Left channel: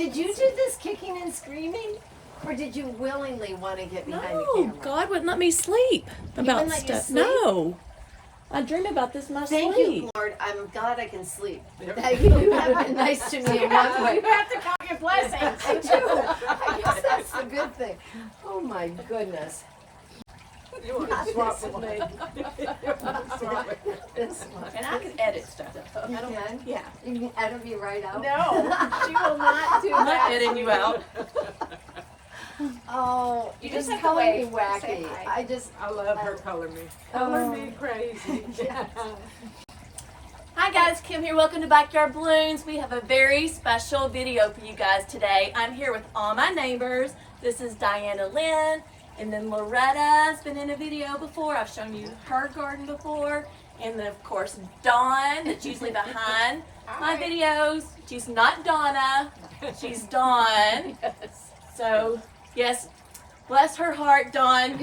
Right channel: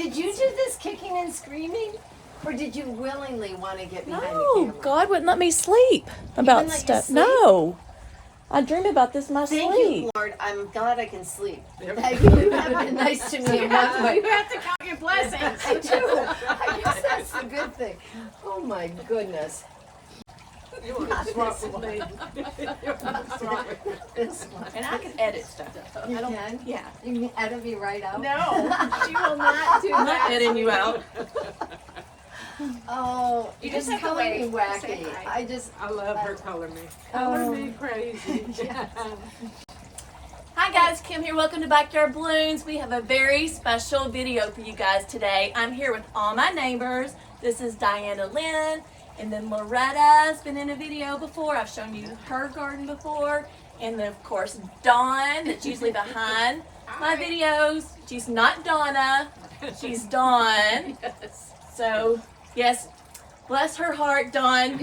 Did you do this kicking and screaming? Or did you willingly want to get behind the No, camera? God wouldn't let me sleep about let you stuff. sleep? No. I dream about this in my Thank sleep. you, Lord. I'm glad I can sleep. That you have been nice to me in one way. You have to count your blessings. I do. I guess that's the good thing. Oh my goodness. You want to swap with me? You want to swap with me? This one. And I can edit stuff. You can? Yeah. You can edit me right out? No, she will not do I'm not that. editing you out. Oh, You you just just have to color me wave. Say wacky. hi. I love her color me. Color me crazy. Hi guys, Kim here. Welcome to Backyard Balloons. We have a very special video for you guys today. I'm here with all my neighbors. This is Diana Lynn, and then Loretta's been in a video before. I've shown you her garden before. And then of course Dawn, that's usually behind my videos. She's not Donna, she's Dawn. So yes, bless her heart, Dawn.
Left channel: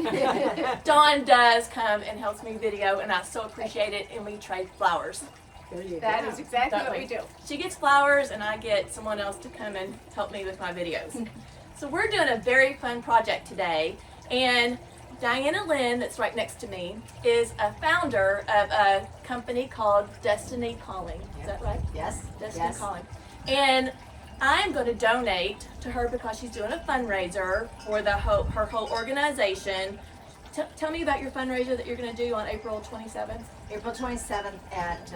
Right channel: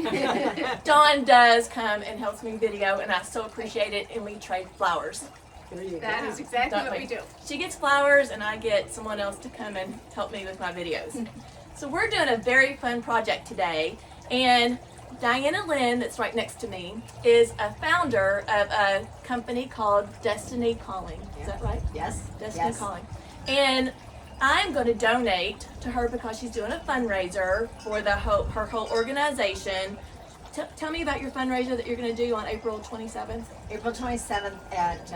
Dawn does come and helps me video, and I so appreciate it, and we trade flowers. There you That go. is exactly Don't what we? we do. She gets flowers and I get someone else to come and help me with my videos. So we're doing a very fun project today, and Diana Lynn, that's right next to me, is a founder of a company called Destiny Calling. Is that right? Yes. Destiny Yes. Calling. And I'm going to donate to her because she's doing a fundraiser for her whole organization. Tell me about your fundraiser that you're going to do on April 27th. April 27th at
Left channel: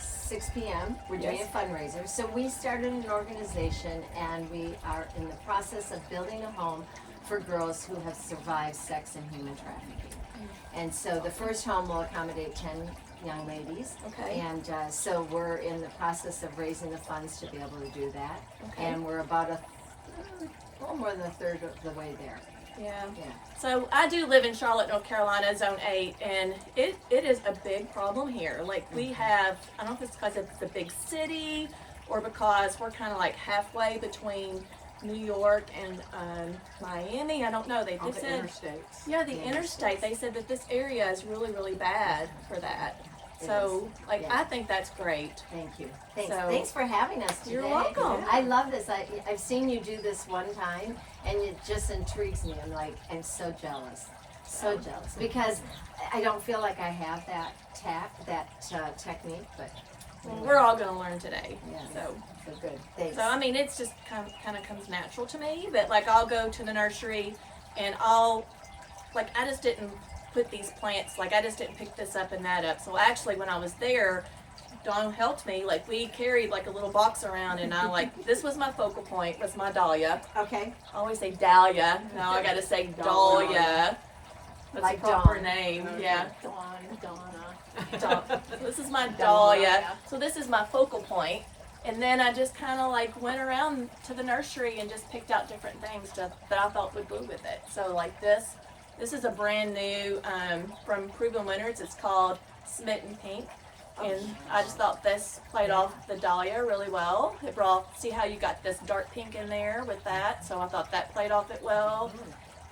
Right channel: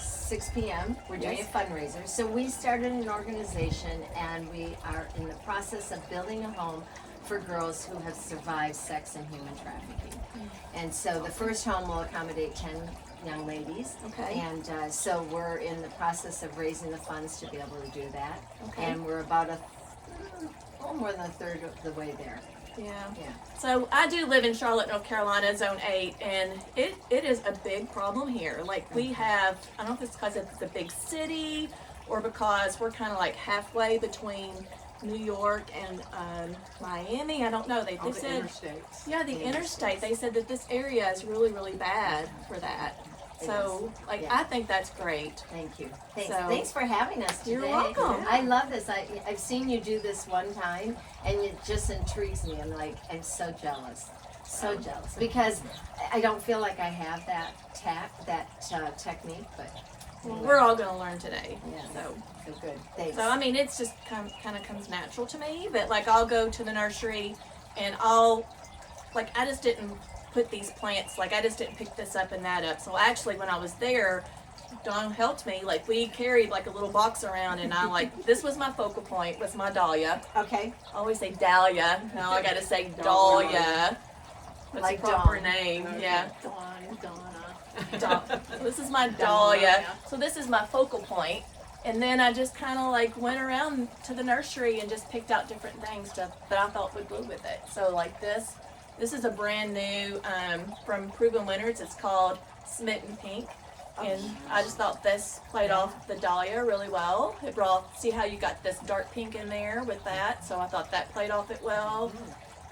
6 p.m. We're doing Yes. a fundraiser. So we started an organization, and we are in the process of building a home for girls who have survived sex and human trafficking. And so the first home will accommodate 10 young ladies. Okay. And so we're in the process of raising the funds to be able to do that. Okay. And we're about more than a third of the way there. Yeah. Yeah. So I do live in Charlotte, North Carolina, Zone 8, and it is a big problem here. Like we have, I don't know if it's because it's a big city or because we're kind of like halfway between New York and Miami. I don't know. They All the said, interstates. yeah, the interstate. They said that this area is really, really bad for that. It So, is. like, Yeah. I think that's great. Thank you. Thanks. So- Thanks for having us today. You're welcome. I love this. I've seen you do this one time, and it just intrigues me. I'm so jealous. So jealous. Because I don't feel like I have that technique, but Well, we're all going to learn today. yeah, So. so good. Thanks. So I mean, it's just kind of comes natural to me. But like, I'll go to the nursery, and I just didn't put these plants. Like, I just didn't pick this up and that up. So actually, when I was there, Dawn helped me. Like, we carried like a little box around, and this was my focal point. Was my dahlia. Okay. I always say dahlia. Now I got to say dahlia. What's Like the proper Dawn. name? Okay. Yeah. Dawn and Donna. So this is my dahlia. So this is my focal point. And then I just kind of like went around to the nursery and just picked out different things that I thought would go with it. So like this is a brand new from Proven Winners. It's called Smitten Pink. And I just thought this played off the dahlia really well. It see how you got this dark pink in there with that. So I thought that played off it well.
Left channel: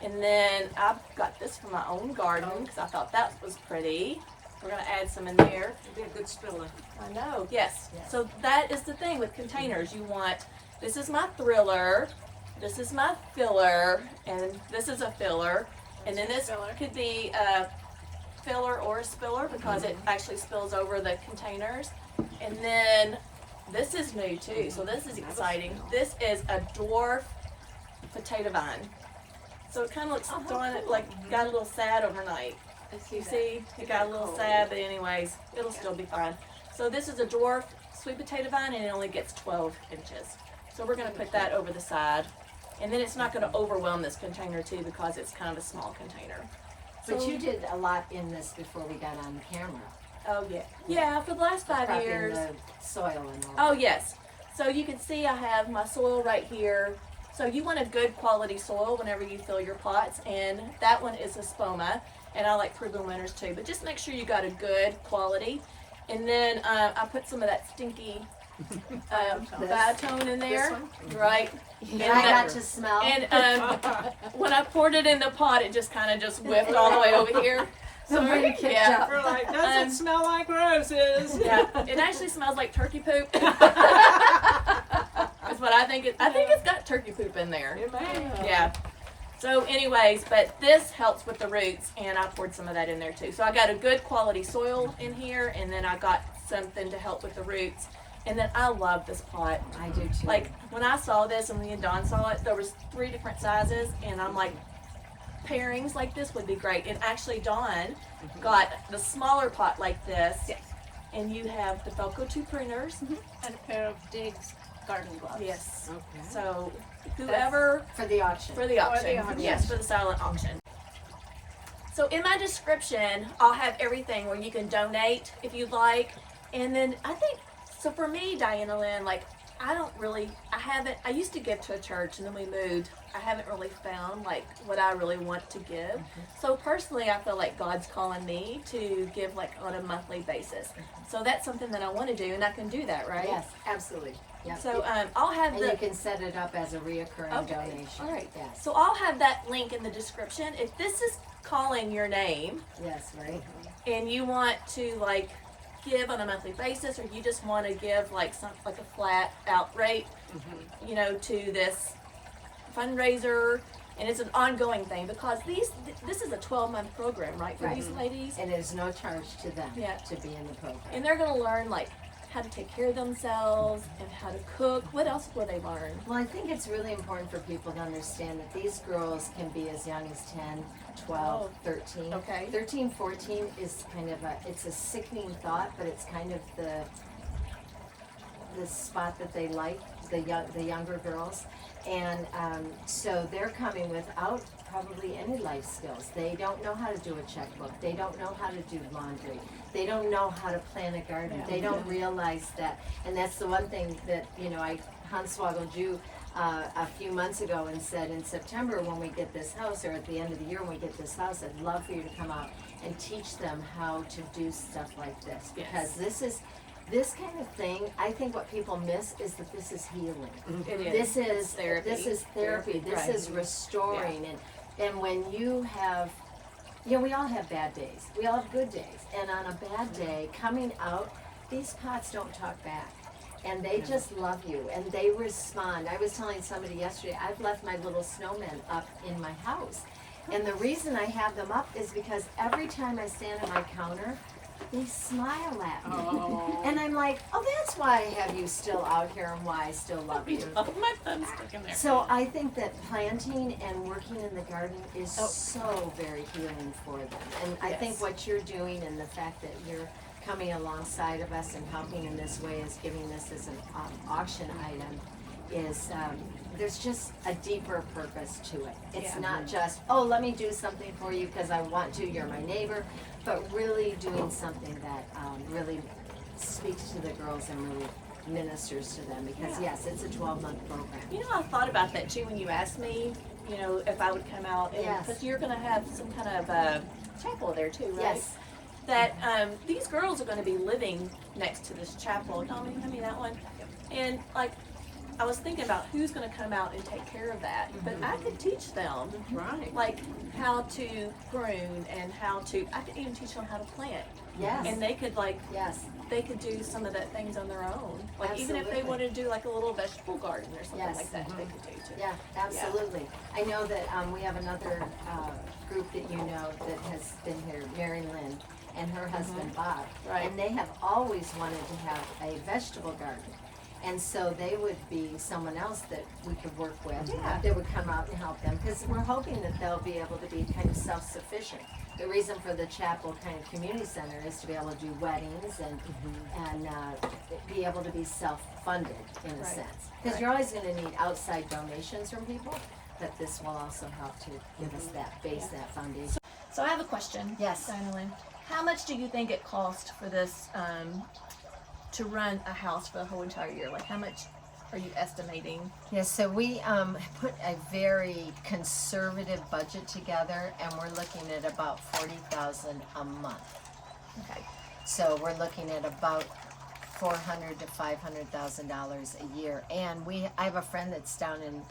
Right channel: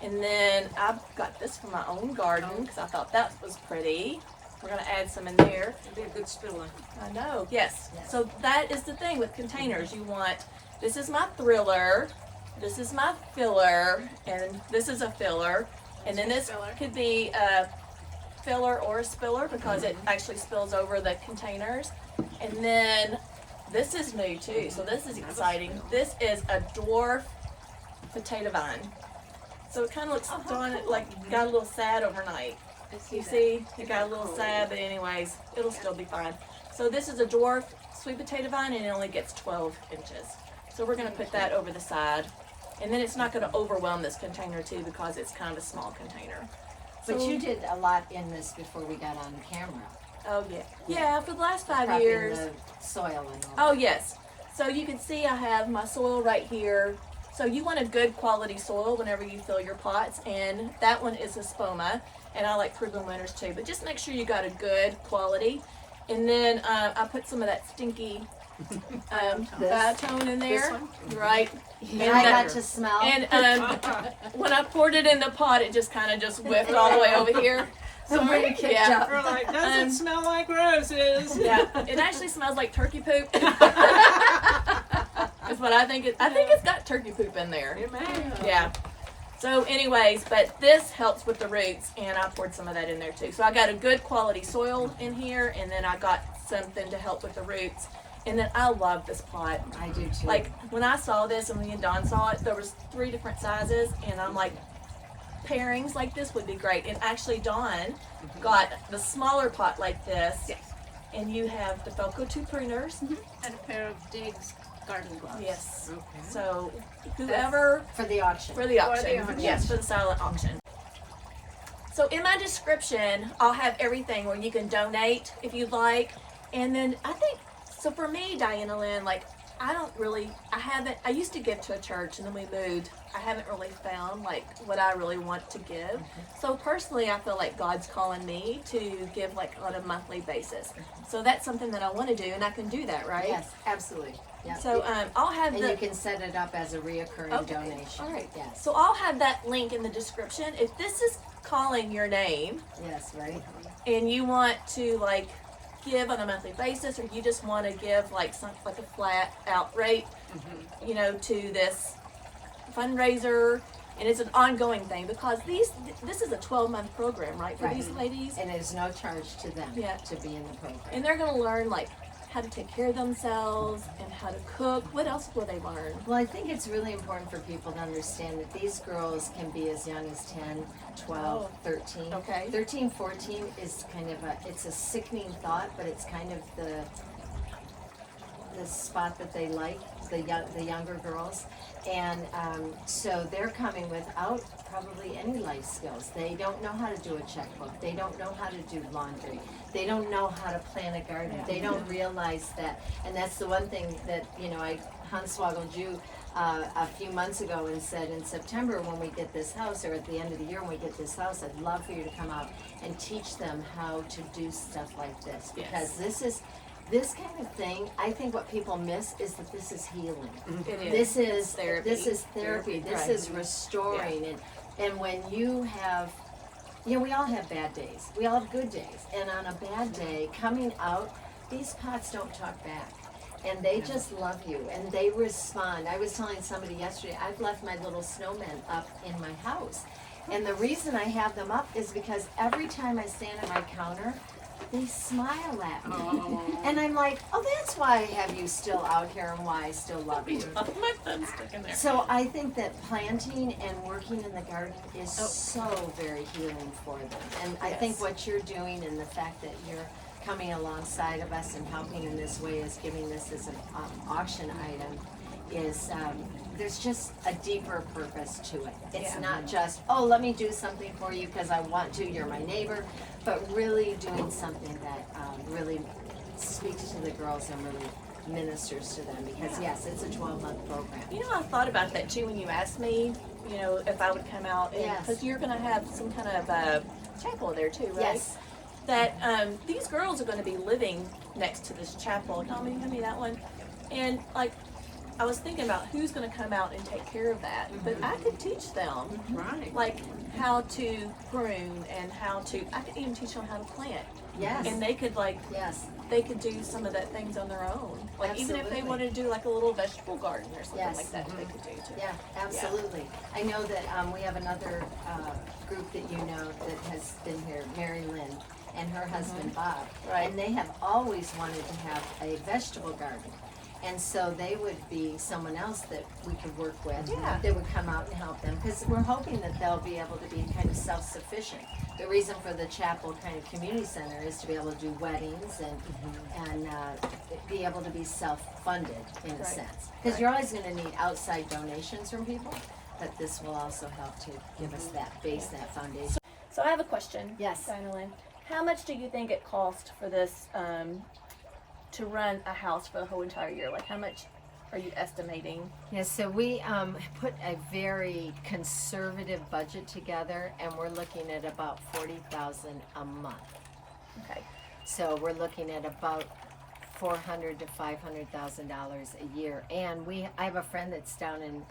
And then I got this from my own garden because I thought that was pretty. We're going to add some in there. It'd be a good spiller. I know, yes. Yes. So that is the thing with containers. You want, this is my thriller, this is my filler, and this is a filler. And then this Filler. could be a filler or a spiller because it actually spills over the containers. And then this is new too, so this is exciting. This is a dwarf potato vine. So it kind of looks like got a little sad overnight. You see, it got a little sad, but anyways, it'll still be fine. So this is a dwarf sweet potato vine, and it only gets 12 inches. So we're going to put that over the side. And then it's not going to overwhelm this container too because it's kind of a small container. But So- you did a lot in this before we got on camera. Oh yeah. Yeah, for the last 5 Prepping years. the soil and all. Oh yes. So you can see I have my soil right here. So you want a good quality soil whenever you fill your pots, and that one is a spoma, and I like Proven Winners too, but just make sure you got a good quality. And then I put some of that stinky biotone in there, one? right? And I got to smell. And when I poured it in the pot, it just kind of just whiffed all the way over here. Somebody kicked Yeah. up. We're like, doesn't smell like roses. Yeah, it actually smells like turkey poop. Because but I think it's got turkey poop in there. It may. Yeah. So anyways, but this helps with the roots, and I poured some of that in there too. So I got a good quality soil in here, and then I got something to help with the roots. And then I love this pot. I do too. Like when I saw this and me and Dawn saw it, there was 3 different sizes, and I'm like, pairings like this would be great. And actually Dawn got the smaller pot like this. Yes. And you have the Felco 2 pruners. And a pair of Diggs garden gloves. Yes. Okay. So whoever for the auction. for the auction. auction. Yes, for the silent auction. So in my description, I'll have everything where you can donate if you'd like. And then I think, so for me, Diana Lynn, like I used to give to a church and then we moved. I haven't really found like what I really want to give. So personally, I feel like God's calling me to give like on a monthly basis. So that's something that I want to do, and I can do that, right? Yes, absolutely. Yep. So I'll have and the you can set it up as a reoccurring donation. All right. Yes. So I'll have that link in the description. If this is calling your name Yes, right. and you want to like give on a monthly basis, or you just want to give like a flat out rate, you know, to this fundraiser, and it's an ongoing thing because this is a 12-month program, right, for these ladies, And there's no charge to them Yeah. to be in the program. and they're going to learn like how to take care of themselves and how to cook. What else will they learn? Well, I think it's really important for people to understand that these girls can be as young as 10, 12, 13. Okay. 13, 14 is kind of it's a sickening thought, but it's kind of the spot that they like, the younger girls. And so they're coming without probably any life skills. They don't know how to do a checkbook. They don't know how to do laundry. They don't know how to plant a garden. They don't realize that. And that's the one thing that, you know, Hanswagel Jew a few months ago and said, in September when we get this house, or at the end of the year when we get this house, I'd love for you to come out and teach them how to do stuff like this. Because this kind of thing, I think what people miss is that this is healing. It is. This is therapy. This is therapy. This Right. is restoring. And when you have, you know, we all have bad days. We all have good days. And on a bad day, coming out, these pots don't talk back. And they just love you. And they respond. I was telling somebody yesterday, I've left my little snowmen up in my house. And the reason I have them up is because every time I stand at my counter, they smile at me. Oh. And I'm like, oh, that's why I have you still out here and why I still love you. My thumb stuck in there. So I think that planting and working in the garden is so very healing for them. And I think what you're doing and the fact that you're coming alongside of us and helping in this way is giving this as an auction item is there's just a deeper purpose to it. It's not just, oh, let me do something for you because I want to, you're my neighbor, but really doing something that really speaks to the girls and really ministers to them because yes, it's a 12-month program. You know, I thought about that too when you asked me, you know, if I would come out, because you're going to have some kind of chapel there too, right? Yes. That these girls are going to be living next to this chapel. Tommy, hand me that one. And like, I was thinking about who's going to come out and take care of that, but I could teach them, Right. like how to prune and how to. I could even teach them how to plant. Yes. And they could like. Yes. They could do some of that things on their own. Like even if they Absolutely. wanted to do like a little vegetable garden or something Yes. like that, they could do too. Yeah, absolutely. I know that we have another group that you know that has been here, Mary Lynn and her husband Bob. Right. And they have always wanted to have a vegetable garden. And so they would be someone else that we could work with. Yeah. That would come out and help them because we're hoping that they'll be able to be kind of self-sufficient. The reason for the chapel kind of community center is to be able to do weddings and be able to be self-funded in a Right. sense. Because you're always going to need outside donations from people, but this will also help to give us that base, that foundation. So I have a question. Yes. Diana Lynn. How much do you think it cost for this to run a house for the whole entire year? Like how much are you estimating? Yes, so we put a very conservative budget together, and we're looking at about $40,000 a month. Okay. So we're looking at about $400,000 to $500,000 a year. And I have a friend that's down in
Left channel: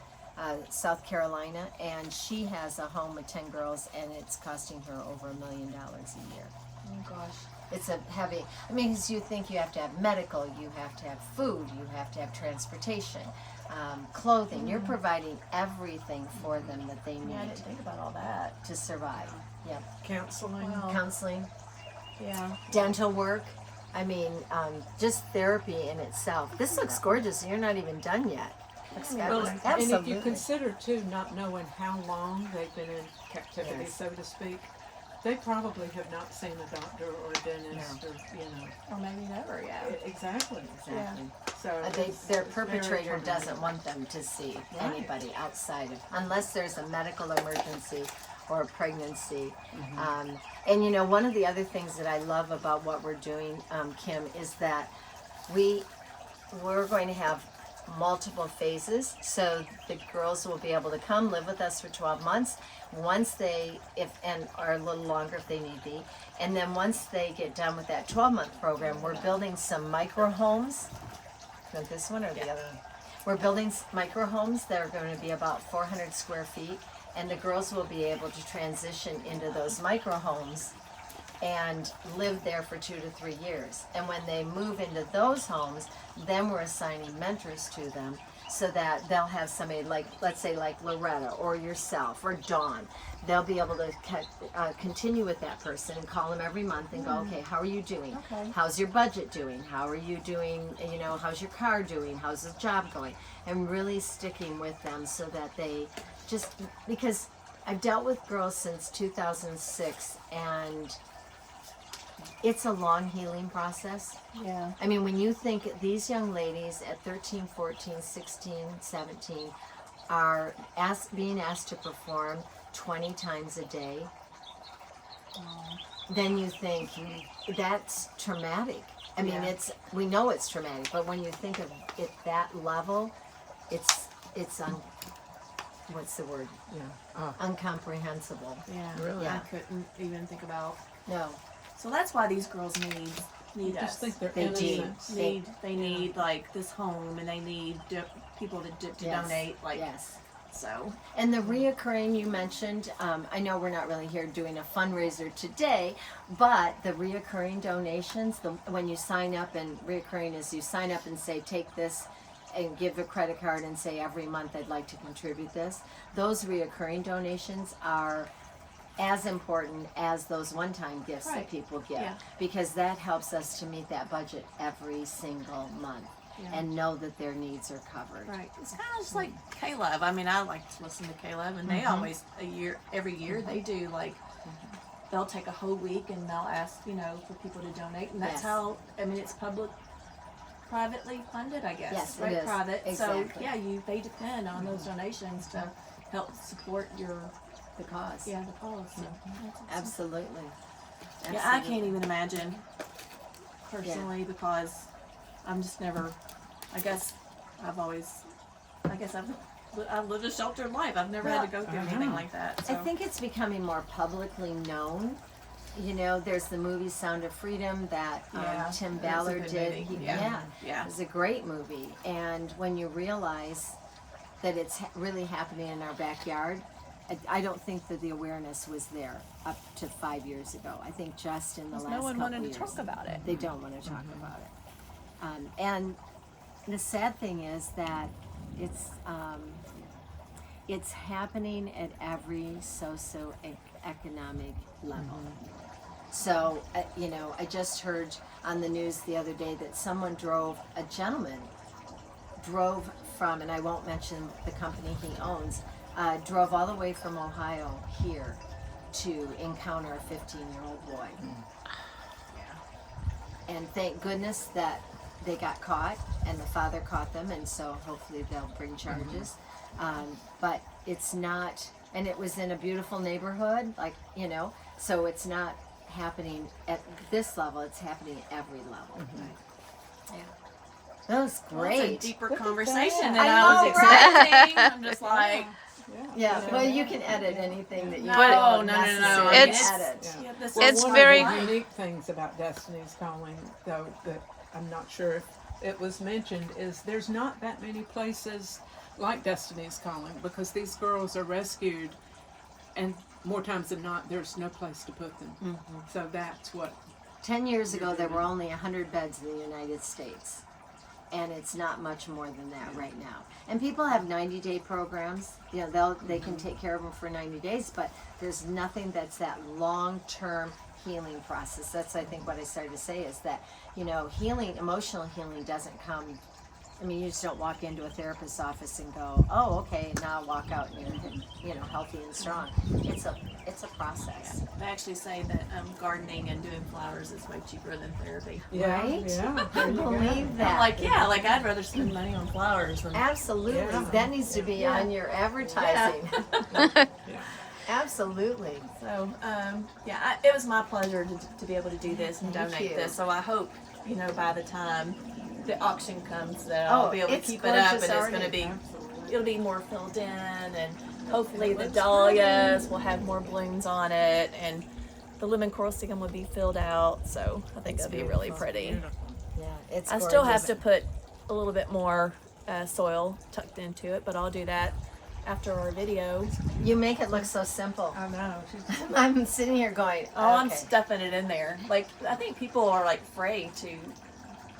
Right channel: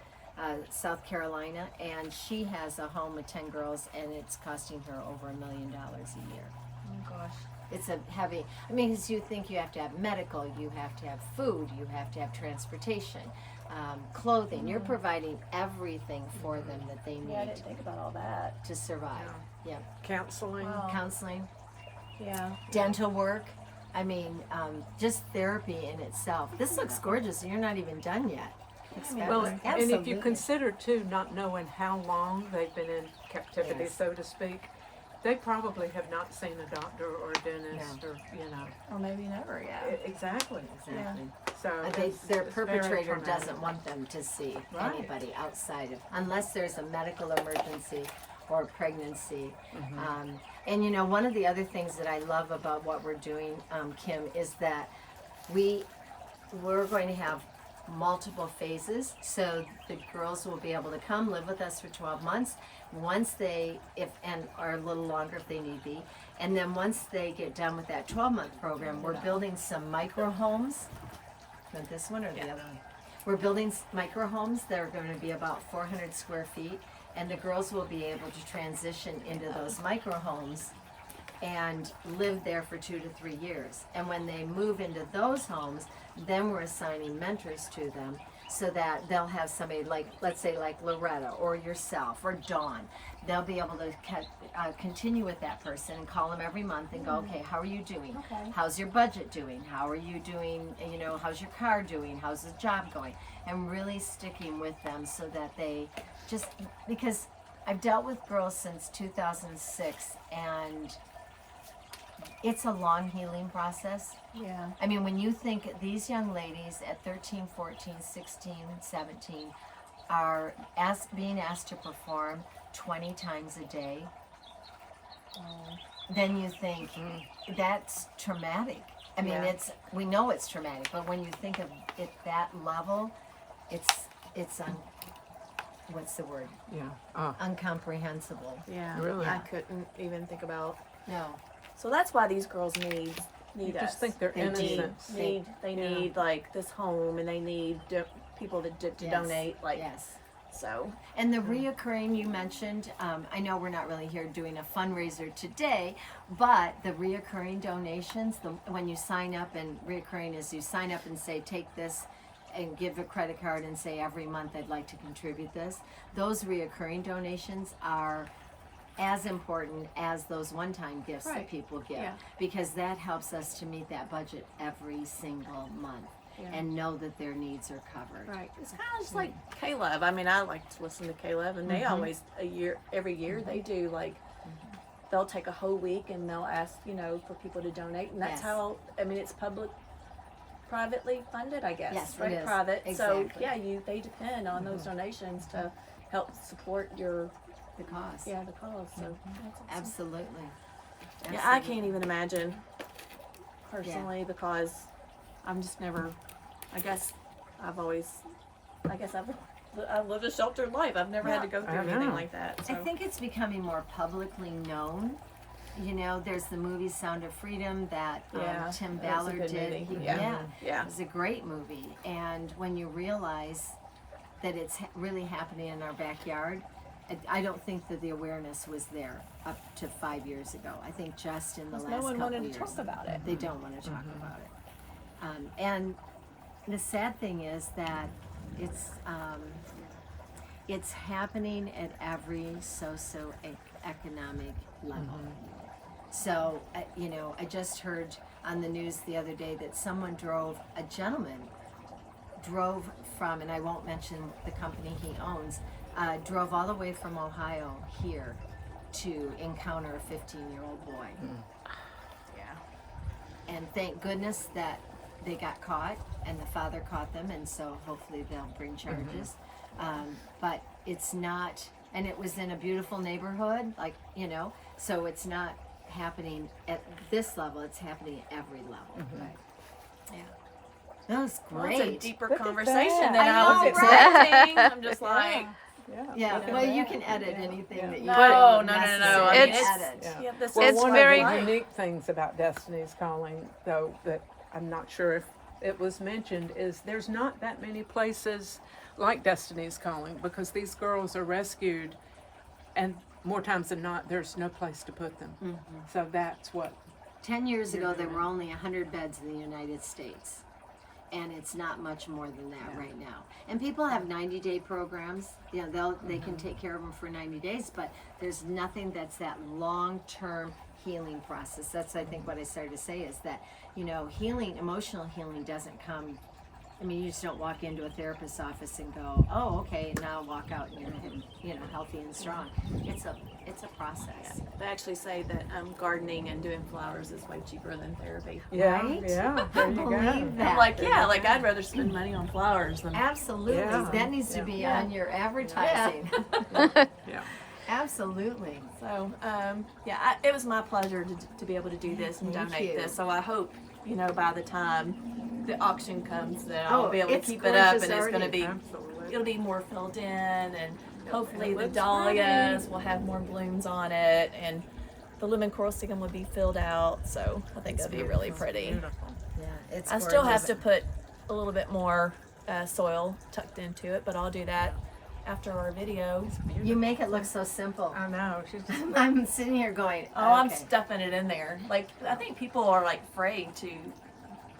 South Carolina, and she has a home with 10 girls, and it's costing her over $1 million a year. Oh gosh. It's a heavy, I mean, 'cause you think you have to have medical, you have to have food, you have to have transportation. clothing. You're providing everything for them that they Yeah, I need didn't think about all that. to survive. Yeah. Counseling. Wow. Counseling, Yeah. dental work. I mean, just therapy in itself. This looks gorgeous. You're not even done yet. Looks I mean, Well, fabulous. and if you Absolutely. consider too, not knowing how long they've been in captivity, Yes. so to speak, they probably have not seen a doctor or a dentist, or Or maybe never, yeah. exactly. Exactly. So Their it's very perpetrator traumatic. doesn't want them to see Right. anybody outside of, unless there's a medical emergency or a pregnancy. And one of the other things that I love about what we're doing, Kim, is that we're going to have multiple phases. So the girls will be able to come live with us for 12 months. Once they, or a little longer if they need be. And then once they get done with that 12-month program, we're building some micro homes. Not this one or the other one. We're building micro homes that are going to be about 400 square feet, and the girls will be able to transition into those micro homes and live there for 2 to 3 years. And when they move into those homes, then we're assigning mentors to them so that they'll have somebody like, let's say like Loretta or yourself or Dawn. They'll be able to continue with that person and call them every month and go, okay, how are you doing? Okay. How's your budget doing? How are you doing? How's your car doing? How's the job going? And really sticking with them so that they just, because I've dealt with girls since 2006, and it's a long healing process. Yeah. I mean, when you think these young ladies at 13, 14, 16, 17 are being asked to perform 20 times a day, then you think that's traumatic. I mean, Yeah. we know it's traumatic, but when you think of it that level, it's what's the word? Yeah. Incomprehensible. Yeah. Really? I couldn't even think about. No. So that's why these girls need You us. just think they're They do. innocent. They need like this home, and they need people to Yes. donate. Like Yes. so. And the reoccurring you mentioned, I know we're not really here doing a fundraiser today, but the reoccurring donations, when you sign up, and reoccurring is you sign up and say, take this and give a credit card and say every month I'd like to contribute this. Those reoccurring donations are as important as those one-time gifts that Right. people give, Yeah. because that helps us to meet that budget every single month Yeah. and know that their needs are covered. Right. It's kind of just like Caleb. I mean, I like to listen to Caleb, and they always every year they do like they'll take a whole week and they'll ask for people to donate, and that's Yes. how. I mean, it's privately funded, I guess. Yes, it right. is. Private. Exactly. So yeah, they depend on those donations to help support your The cause. the cause. So that's awesome. Absolutely. Yeah, I can't even imagine personally because I'm just never. I've lived a sheltered life. I've never had to go through I anything know. like that. I So. think it's becoming more publicly known. There's the movie Sound of Freedom that Yeah, Tim that's a Ballard good did. movie. Yeah. It was a great movie. And when you realize that it's really happening in our backyard, I don't think that the awareness was there up to 5 years ago. I think just in the last No one couple wanted years. to talk about it. They don't want to talk about it. And the sad thing is that it's happening at every socioeconomic level. So, I just heard on the news the other day that a gentleman drove from, and I won't mention the company he owns, drove all the way from Ohio here to encounter a 15-year-old boy. And thank goodness that they got caught and the father caught them, and so hopefully they'll bring charges. But it's not, and it was in a beautiful neighborhood, so it's not happening at this level, it's happening at every level. Yeah. That was Well, it's a great. deeper Look at conversation that. than I I was know, right? expecting. I'm just like, Yeah, well, you can edit anything that you no, But feel no. necessary I mean, It's- to edit. yeah, this Well, It's is one very- of the unique things about Destiny's Calling, though, that I'm not sure if it was mentioned, is there's not that many places like Destiny's Calling, because these girls are rescued, and more times than not, there's no place to put them. So that's what. 10 years ago, there were only 100 beds in the United States, and it's not much more than that right now. And people have 90-day programs. You know, they can take care of them for 90 days, but there's nothing that's that long-term healing process. That's, I think, what I started to say is that, you know, healing, emotional healing doesn't come. I mean, you just don't walk into a therapist's office and go, oh, okay, now walk out and you're, you know, healthy and strong. It's a process. They actually say that gardening and doing flowers is way cheaper than therapy. Yeah, Right? yeah, there you go. Believe that. I'm like, yeah, like I'd rather spend money on flowers than. Absolutely. Yeah. That needs to be Yeah. on your advertising. Yeah. Absolutely. So, it was my pleasure to be able to do this and Thank donate you. this. So I hope, you know, by the time the auction comes that I'll Oh, be able to it's keep it up gorgeous and it's going to already. be, Absolutely. it'll be more filled in and hopefully It the looks dahlias will have more blooms on it and the lemon corsican will be filled out. So I think it'll be really pretty. Beautiful. Yeah, it's I still have gorgeous. to put a little bit more soil tucked into it, but I'll do that after our video. You make it look so simple. I know. She's I'm sitting here going, Oh, I'm okay. stuffing it in there. Like, I think people are like afraid to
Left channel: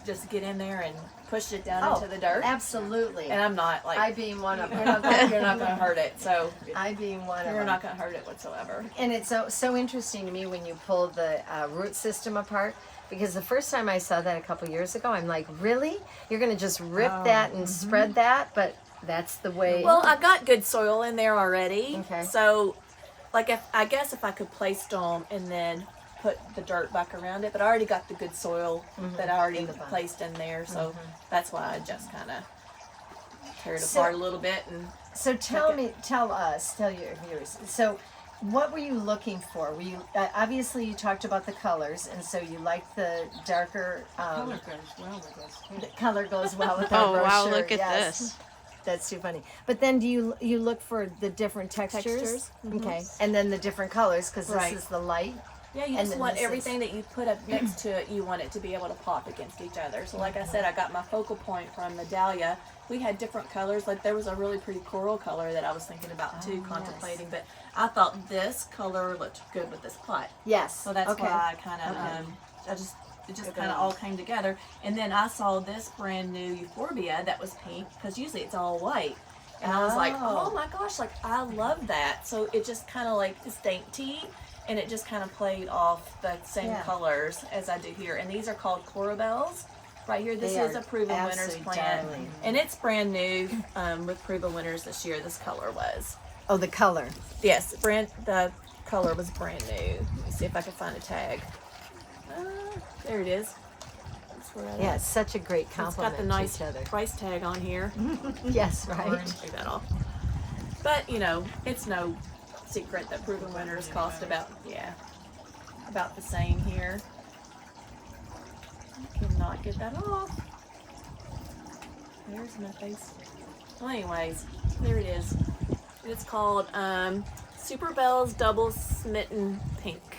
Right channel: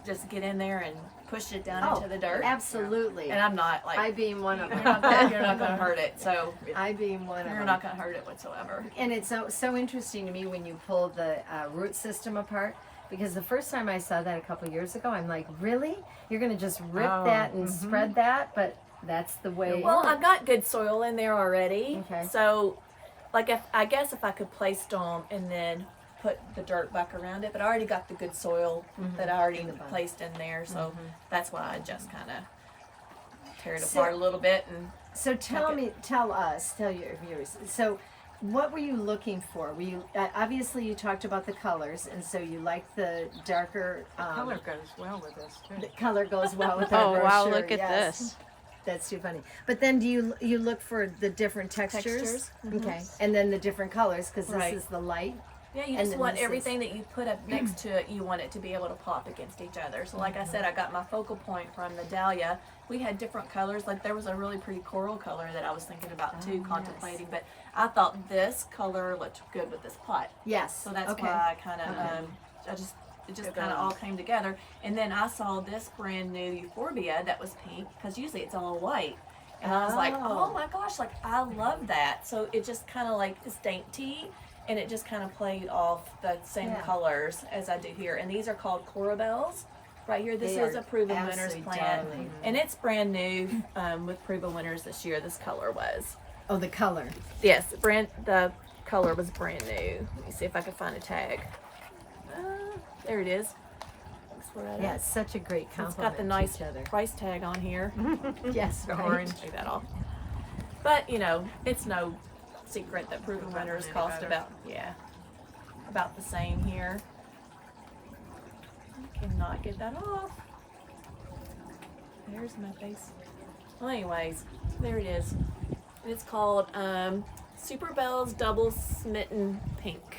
just get in there and push it down into the dirt. Absolutely. And I'm not like, I being one of you're them. not gonna hurt it. So I being one of you're them. not gonna hurt it whatsoever. And it's so interesting to me when you pull the root system apart, because the first time I saw that a couple years ago, I'm like, really? You're gonna just rip Oh, that and spread that? But that's the way. Well, I got good soil in there already. Okay. So, like, I guess if I could place them and then put the dirt back around it, but I already got the good soil that I already In the bottom. placed in there. So that's why I just kind of tear it So- apart a little bit and. So tell it. tell your viewers. So, what were you looking for? Were you obviously you talked about the colors, and so you liked the darker. color goes well with this too. The color goes well with Oh our wow, brochure, look at yes. this. That's too funny. But then do you look for the different textures? Textures, Okay, and then the different colors because this Right. is the light. Yeah, you And just then want this is- everything that you put up next to it, you want it to be able to pop against each other. So like I said, I got my focal point from the dahlia. We had different colors. Like there was a really pretty coral color that I was thinking about too, yes. contemplating. But I thought this color looked good with this pot. Yes. So that's okay. why I kind of, it just kind of all came together. And then I saw this brand new euphorbia that was pink, because usually it's all white. And I was like, Oh. oh my gosh, like I love that. So it just kind of like is dainty, and it just kind of played off the same Yeah. colors as I do here. And these are called corabelles. Right here, this They is are a Proven Winners absolutely plant. darling. And it's brand new with Proven Winners this year, this color was. Oh, the color. Yes, the color was brand new. Let me see if I can find a tag. There it is. That's where that Yeah, is. it's such a great It's compliment got the nice to each other. price tag on here. Yes, right. Take that off. But you know, it's no secret that Proven Winners cost about the same here. I cannot get that off. There's my face. Well, anyways, there it is. It's called Super Bells Double Smitten Pink.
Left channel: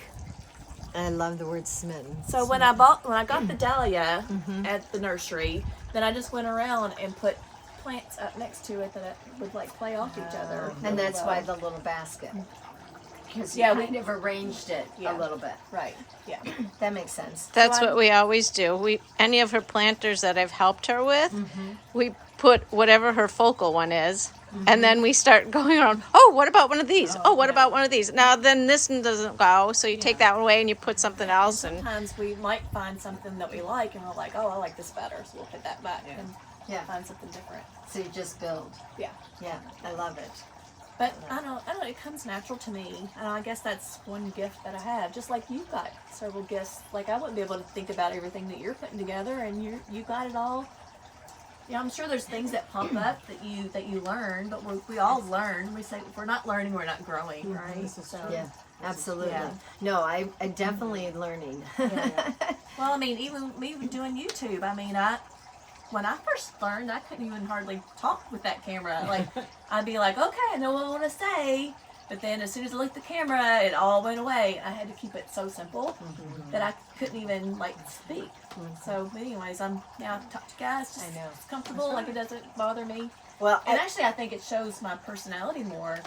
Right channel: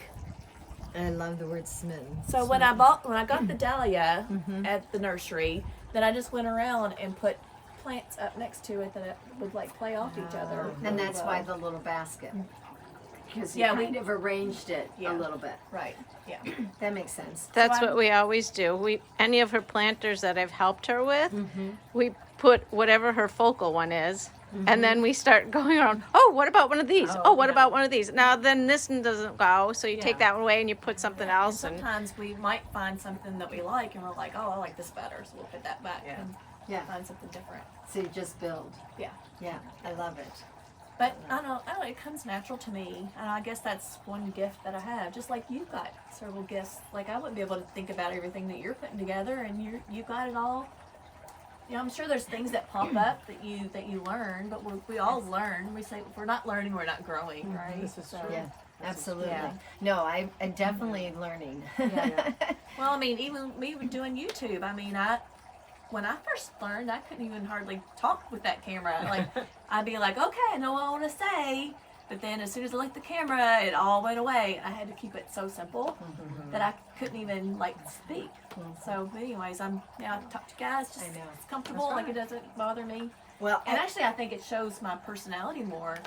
I love the word smitten. So when I got the dahlia at the nursery, then I just went around and put plants up next to it that would like play off each other. And that's really why well. the little basket. Because you Yeah, we- kind of arranged it Yeah. a little bit. Right. Yeah. That makes sense. That's what we always do. Any of her planters that I've helped her with, we put whatever her focal one is, and then we start going around. Oh, what about one of these? Oh, what about one of these? Now then, this one doesn't go, so you take that one away and you put something else. And Sometimes we might find something that we like, and we're like, oh, I like this better, so we'll put that back and Yeah. find something different. So you just build. Yeah. Yeah, I love it. But I don't know, it comes natural to me. And I guess that's one gift that I have. Just like you got several gifts. Like I wouldn't be able to think about everything that you're putting together, and you got it all. You know, I'm sure there's things that pop up that you learn, but we all learn. We say if we're not learning, we're not growing, right? This is So true. Yeah, absolutely. Yeah. No, I'm definitely learning. well, I mean, even me doing YouTube. I mean, when I first learned, I couldn't even hardly talk with that camera. Like, I'd be like, okay, I know what I want to say. But then as soon as I looked at the camera, it all went away. I had to keep it so simple that I couldn't even, like, speak. So, anyways, now I can talk to guys. Just, I know. It's comfortable. Like, it doesn't bother me. Well, And actually, I think it shows my personality more.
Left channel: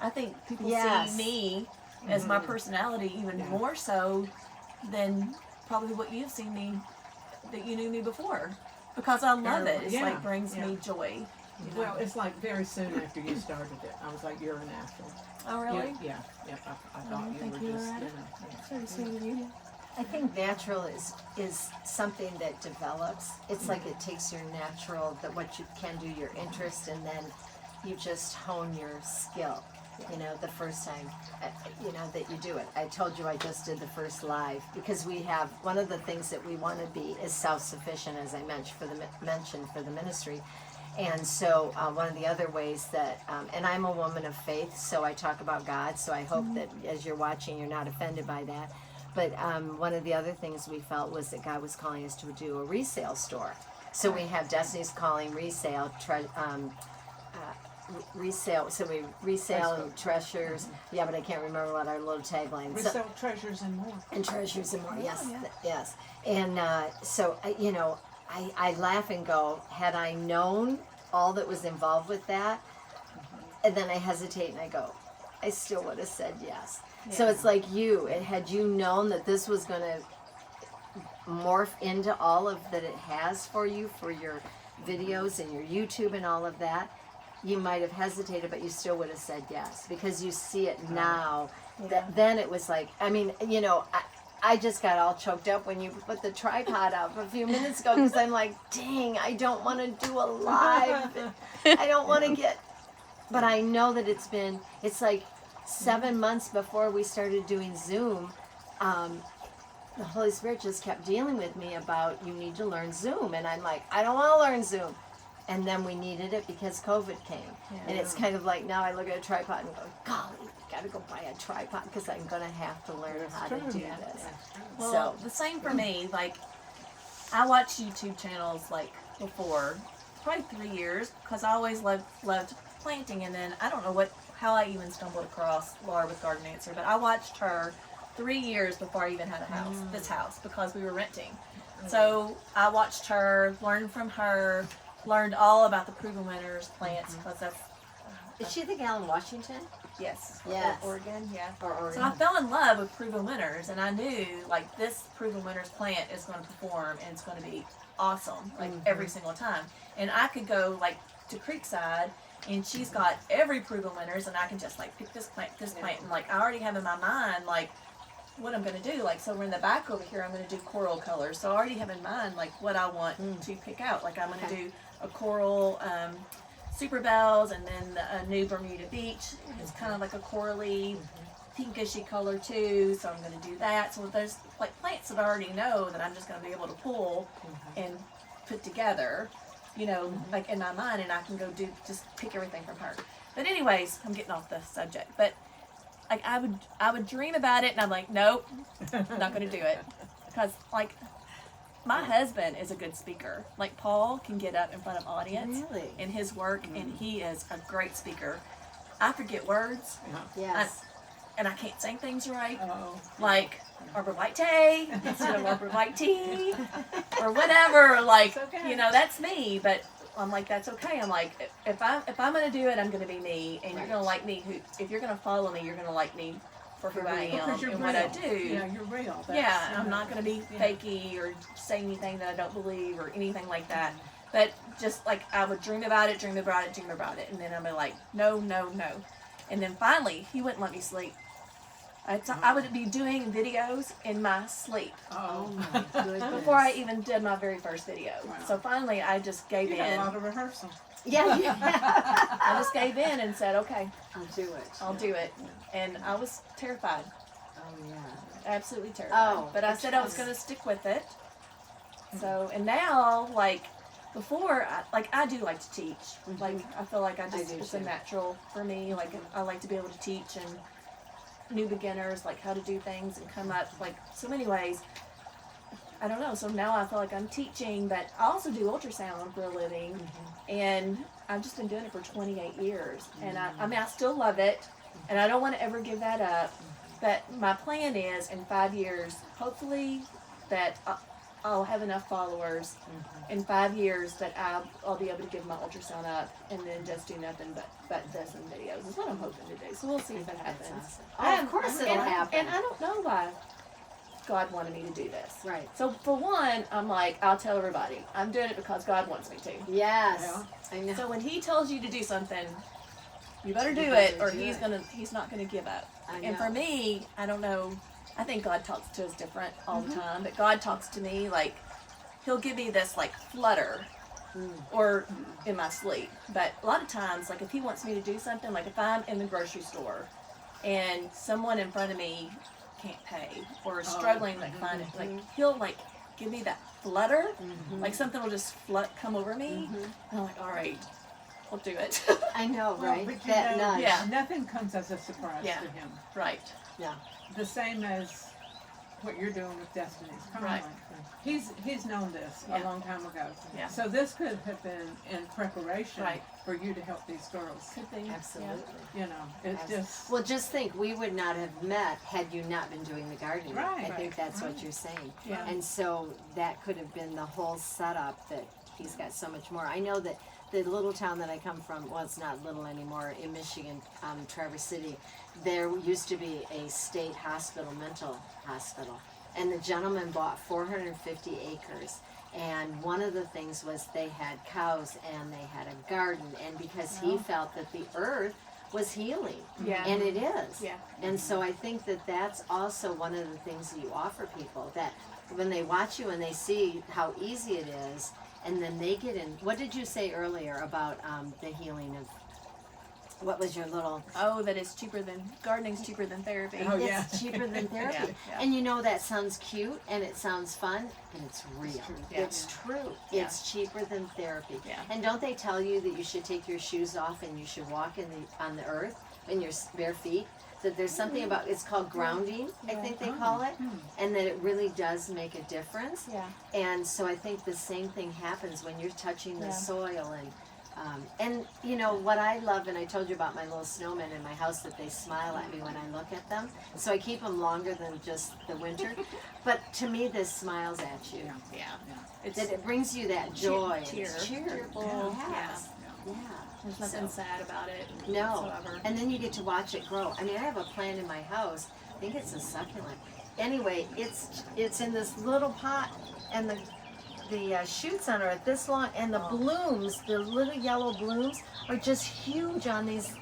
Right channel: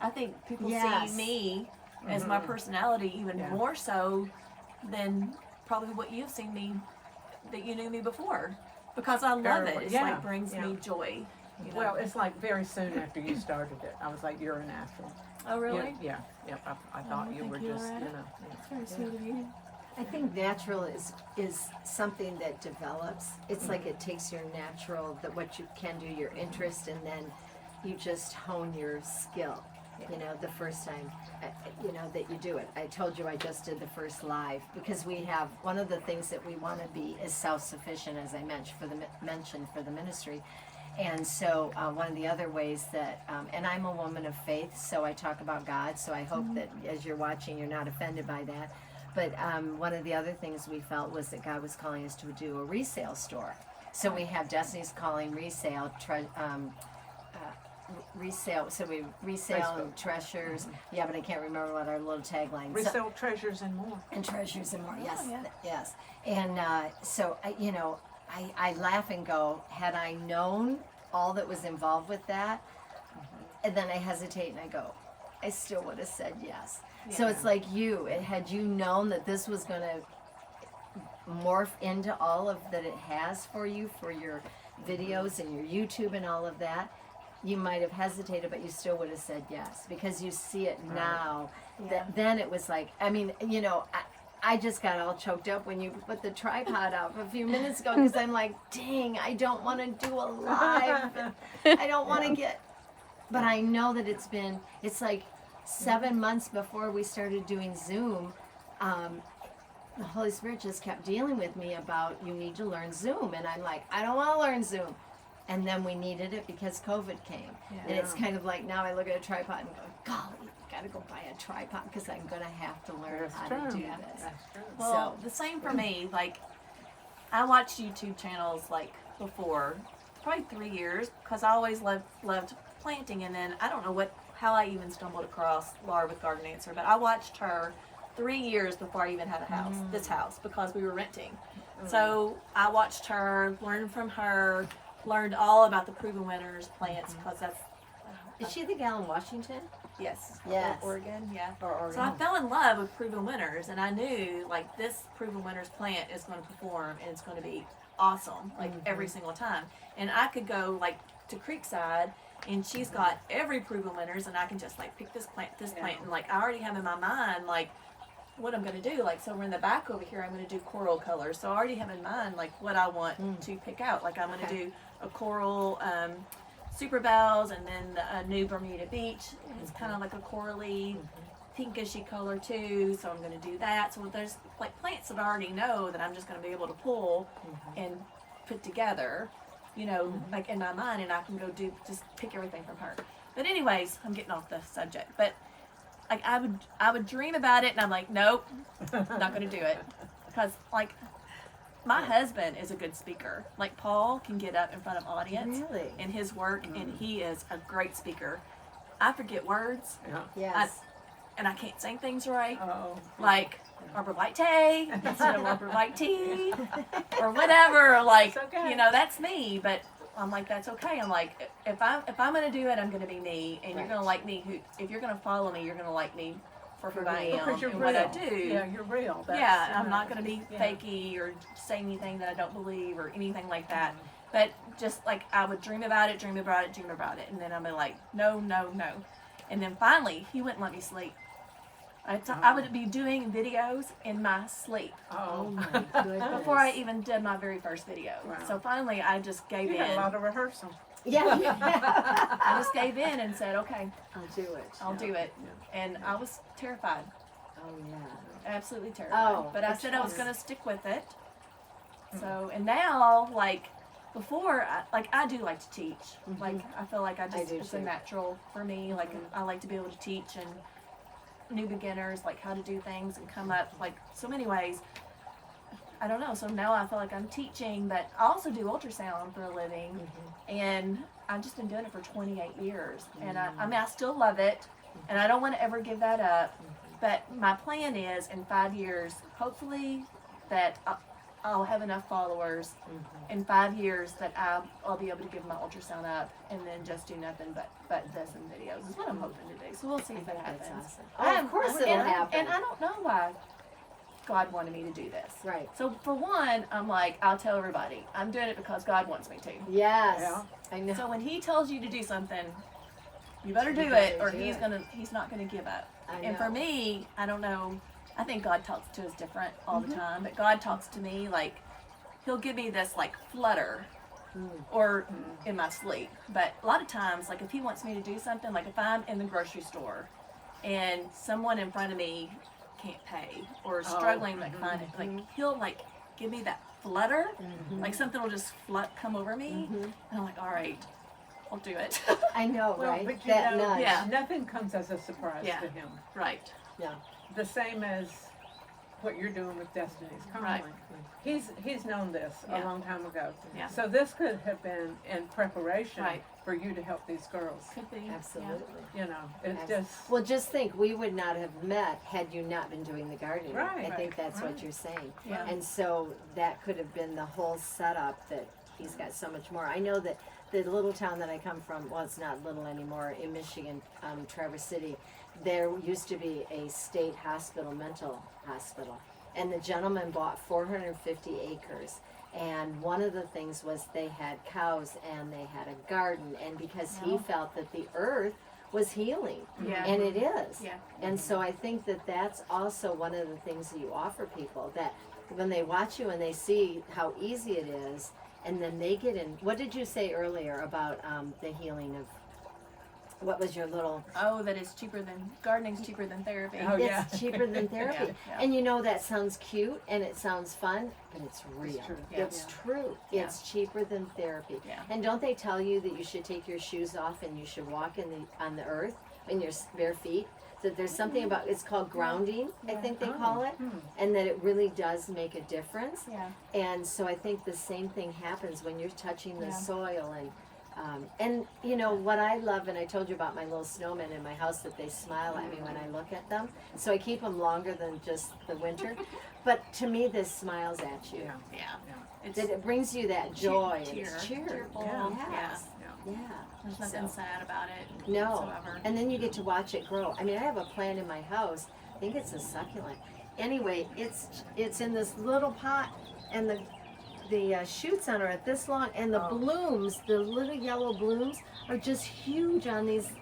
I think people Yes. see me as my personality even more so than probably what you've seen me, that you knew me before. Because I love it. It's like brings me joy. You know? Well, it's like very soon after you started it, I was like, you're a natural. Oh, really? Yeah. I thought you thank were you, just, Loretta. yeah. That's very sweet of you. I think natural is something that develops. It's like it takes your natural, that what you can do, your interest, and then you just hone your skill. You know, the first time, you know, that you do it. I told you I just did the first live because we have one of the things that we want to be is self-sufficient, as I mentioned for the ministry. And so one of the other ways that, and I'm a woman of faith, so I talk about God. So I hope that as you're watching, you're not offended by that. But one of the other things we felt was that God was calling us to do a resale store. So we have Destiny's Calling resale, resale. So we resale and treasures. Yeah, but I can't remember what our little tagline. Resell treasures and more. And treasures and more. Yes, yeah. yes. And so you know, I laugh and go, had I known all that was involved with that, and then I hesitate and I go, I still would have said yes. So it's like had you known that this was going to morph into all of that it has for you, for your videos and your YouTube and all of that, you might have hesitated, but you still would have said yes because you see it now. That then it was like, I mean, you know, I just got all choked up when you put the tripod up a few minutes ago because I'm like, dang, I don't want to do a live. I don't want to get, but I know that it's like 7 months before we started doing Zoom. The Holy Spirit just kept dealing with me about you need to learn Zoom. And I'm like, I don't want to learn Zoom. And then we needed it because COVID came. Yeah. And it's kind of like now I look at a tripod and go, golly, got to go buy a tripod because I'm going to have to learn how to do this. Well, So- the same for me. Like, I watched YouTube channels like before, probably 3 years, because I always loved planting. And then I don't know how I even stumbled across Laura with Garden Answer, but I watched her 3 years before I even had a house, this house, because we were renting. So I watched her, learned from her, learned all about the proven winners plants because that's Is she the gal in Washington? yes, Yes. Oregon, yeah. Or So I fell in love with proven winners, and I knew like this proven winners plant is going to perform and it's going to be awesome like every single time. And I could go like to Creekside, and she's got every proven winners, and I can just like pick this plant, and like I already have in my mind like what I'm going to do. Like, so we're in the back over here, I'm going to do coral colors. So I already have in mind like what I want to pick out. Like I'm going to do a coral Super Bells, and then a new Bermuda Beach. It's kind of like a corally, pinkishy color too. So I'm going to do that. So there's like plants that I already know that I'm just going to be able to pull and put together, you know, like in my mind, and I can go just pick everything from her. But anyways, I'm getting off the subject. But like I would dream about it, and I'm like, nope, not going to do it, because like my husband is a good speaker. Like Paul can get up in front of audience Really? in his work, and he is a great speaker. I forget words, Yes. and I can't sing things right. Oh. Like Arbor White Tea instead of Arbor White Tea, or whatever. Like, okay. you know, that's me. But I'm like, that's okay. I'm like, if I'm gonna do it, I'm gonna be me, and you're gonna like me. If you're gonna follow me, you're gonna like me for who I am Because you're and real. what I do. Yeah, you're real. Yeah, I'm not going to be fakey or say anything that I don't believe or anything like that. But just like I would dream about it, and then I'm like, no. And then finally, he wouldn't let me sleep. I would be doing videos in my sleep Oh my goodness. before I even did my very first video. Wow. So finally, I just gave You had in. a lot of rehearsal. Yeah. I just gave in and said, okay, I'll do it. I'll do it. And I was terrified. Oh yeah. Absolutely terrified. Oh, But I it's said I was fun. going to stick with it. So, and now, like, before, I do like to teach. Like, I feel like it's do a too. natural for me. Like, I like to be able to teach and new beginners, like, how to do things and come up, like, so many ways. I don't know. So now I feel like I'm teaching, but I also do ultrasound for a living. And I've just been doing it for 28 years. And I mean, I still love it. And I don't want to ever give that up. But my plan is in 5 years, hopefully, that I'll have enough followers in 5 years that I'll be able to give my ultrasound up and then just do nothing but this and videos is what I'm hoping to do. So we'll see if it happens. That's awesome. Oh, of course it'll happen. And I don't know why God wanted me to do this. Right. So for one, I'm like, I'll tell everybody. I'm doing it because God wants me to. Yes. Yeah. I know. So when he tells you to do something, you better do better it, or do he's it. he's not gonna give up. I And for know. me, I don't know. I think God talks to us different all Mm-hmm. the time, but God talks to me like He'll give me this like flutter, Mm. or in my sleep. But a lot of times, like if He wants me to do something, like if I'm in the grocery store and someone in front of me can't pay or is struggling like find it, like He'll like give me that flutter, like something will just come over me, and I'm like, all right, I'll do it. I know, Well, right? but you That know, nudge. Yeah. nothing comes as a surprise Yeah. to him. Right. Yeah. The same as what you're doing with Destiny's Calling. Right. He's known this a Yeah. long time ago. Yeah. So this could have been in preparation Right. for you to help these girls. Could be. Absolutely. You know, it's just Well, just think, we would not have met had you not been doing the gardening. Right. I think that's what Right. you're saying. Yeah. And so that could have been the whole setup that he's got so much more. I know that the little town that I come from, well, it's not little anymore, in Michigan, Traverse City, there used to be a state hospital, mental hospital. And the gentleman bought 450 acres. And one of the things was they had cows and they had a garden. And because he Oh. felt that the earth was healing. Yeah. And it is. Yeah. And so I think that that's also one of the things that you offer people, that when they watch you and they see how easy it is, and then they get in. What did you say earlier about the healing of, what was your little, Oh, that is cheaper than gardening's cheaper than therapy. Oh, yeah. it's cheaper than therapy. Yeah, yeah. And you know, that sounds cute and it sounds fun, but it's real. true. Yeah. It's true. Yeah. It's cheaper than therapy. Yeah. And don't they tell you that you should take your shoes off and you should walk on the earth in your bare feet? That there's something about, it's called grounding, I think they call it, and that it really does make a difference. Yeah. And so I think the same thing happens when you're touching the Yeah. soil and you know what I love, and I told you about my little snowmen in my house, that they smile at me when I look at them. So I keep them longer than just the winter. But to me, this smiles at you. Yeah. Yeah. It's That it brings you that joy. and cheer. it's cheer. Cheerful. Yes. Yeah. there's nothing So- sad about it. No. Whatsoever. And then you get to watch it grow. I mean, I have a plant in my house. I think it's a succulent. Anyway, it's in this little pot, and the shoots on it are this long, and the blooms, the little yellow blooms, are just huge on these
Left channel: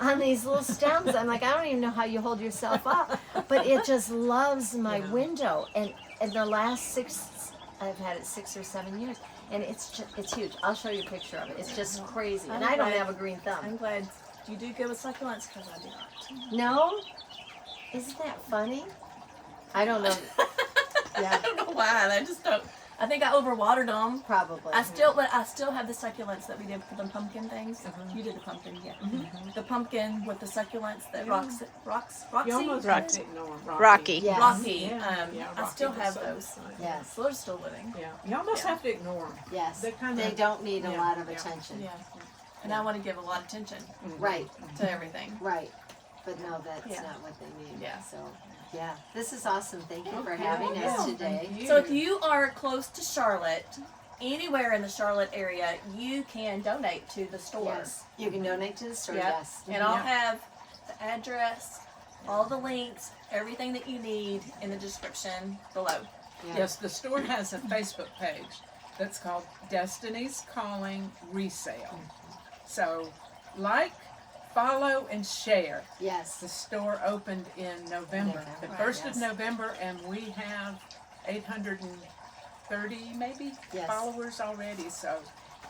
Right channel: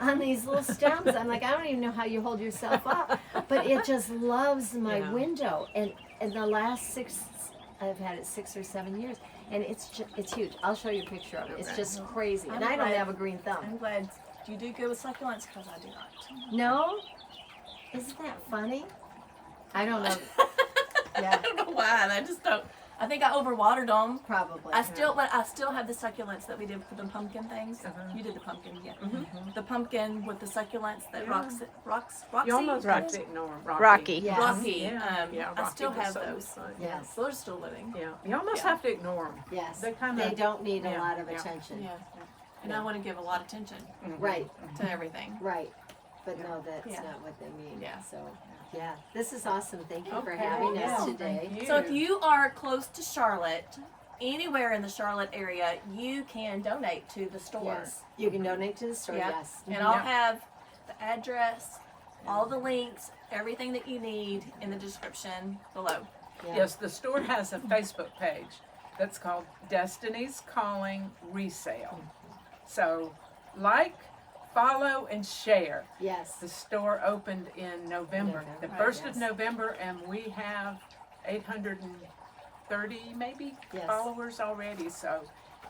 little stems. I'm like, I don't even know how you hold yourself up, but it just loves my window. And in the last I've had it 6 or 7 years, and it's huge. I'll show you a picture of it. It's just crazy. And I'm I don't glad- have a green thumb. I'm glad you do good with succulents because I do not. No? Isn't that funny? I don't know. I Yeah, don't know why. I just don't. I think I overwatered them. probably. I still have the succulents that we did for the pumpkin things. You did the pumpkin, yeah. The pumpkin with the succulents that Roxy. You almost Rocky. have to ignore Rocky. Yes. Rocky. Yeah, I Rocky still does have so those. much. Yes. So they're still living. Yeah, you almost Yeah. have to ignore them. Yes. They kinda- They don't need a yeah, lot of yeah. attention. Yeah. And I want to give a lot of attention Right, to everything. right. But no, that's Yeah. not what they need. Yeah. So, yeah. This is awesome. Thank you for Okay. having Yeah, us thank today. you. So if you are close to Charlotte, anywhere in the Charlotte area, you can donate to the store. Yes. You can donate to the store, Yep. yes. And I'll Yeah. have the address, all the links, everything that you need in the description below. Yeah. Yes, the store has a Facebook page that's called Destiny's Calling Resale. So, like, follow, and share. Yes. The store opened in November, the November, 1st of yes. November, and we have 830 maybe Yes. followers already. So,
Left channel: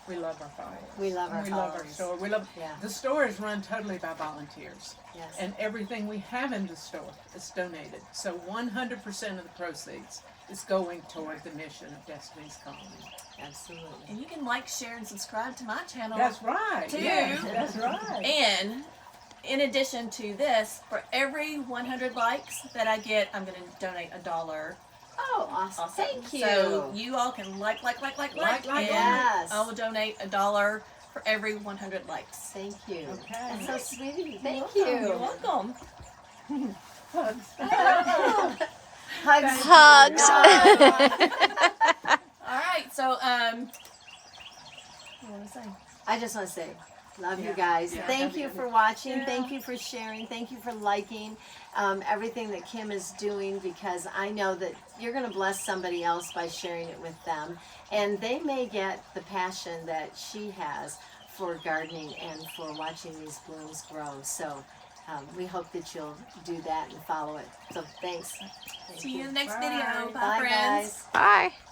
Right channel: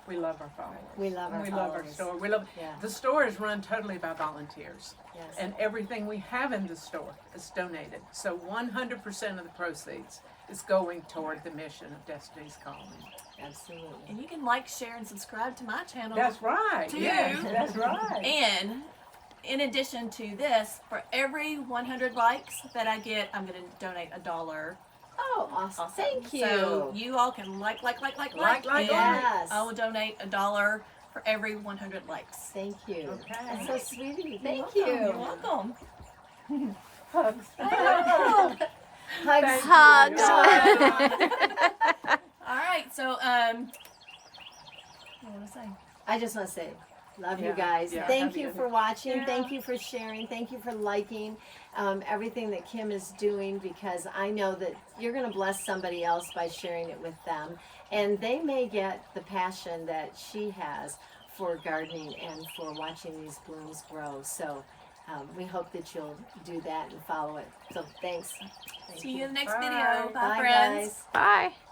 we love our followers. We love our We love our followers. store. We love. Yeah. The store is run totally by volunteers. Yes. And everything we have in the store is donated. So 100% of the proceeds is going toward the mission of Destiny's Calling. Absolutely. And you can like, share, and subscribe to my channel. That's right. Two. Yes, that's right. And in addition to this, for every 100 likes that I get, I'm going to donate $1. Oh, awesome. Also. Thank you. So you all can like, Like, and yes. I will donate $1 for every 100 likes. Thank you. Okay. That's so sweet of you. Thank You're you. welcome. Hugs. Hugs. All right, so what was I saying? I just want to say, love you Yeah. guys. Yeah. Thank Love you you. for watching. Yeah. Thank you for sharing. Thank you for liking everything that Kim is doing, because I know that you're going to bless somebody else by sharing it with them. And they may get the passion that she has for gardening and for watching these blooms grow. So we hope that you'll do that and follow it. So thanks. Thank See you you. in the next video. Bye, Bye, friends. guys. Bye.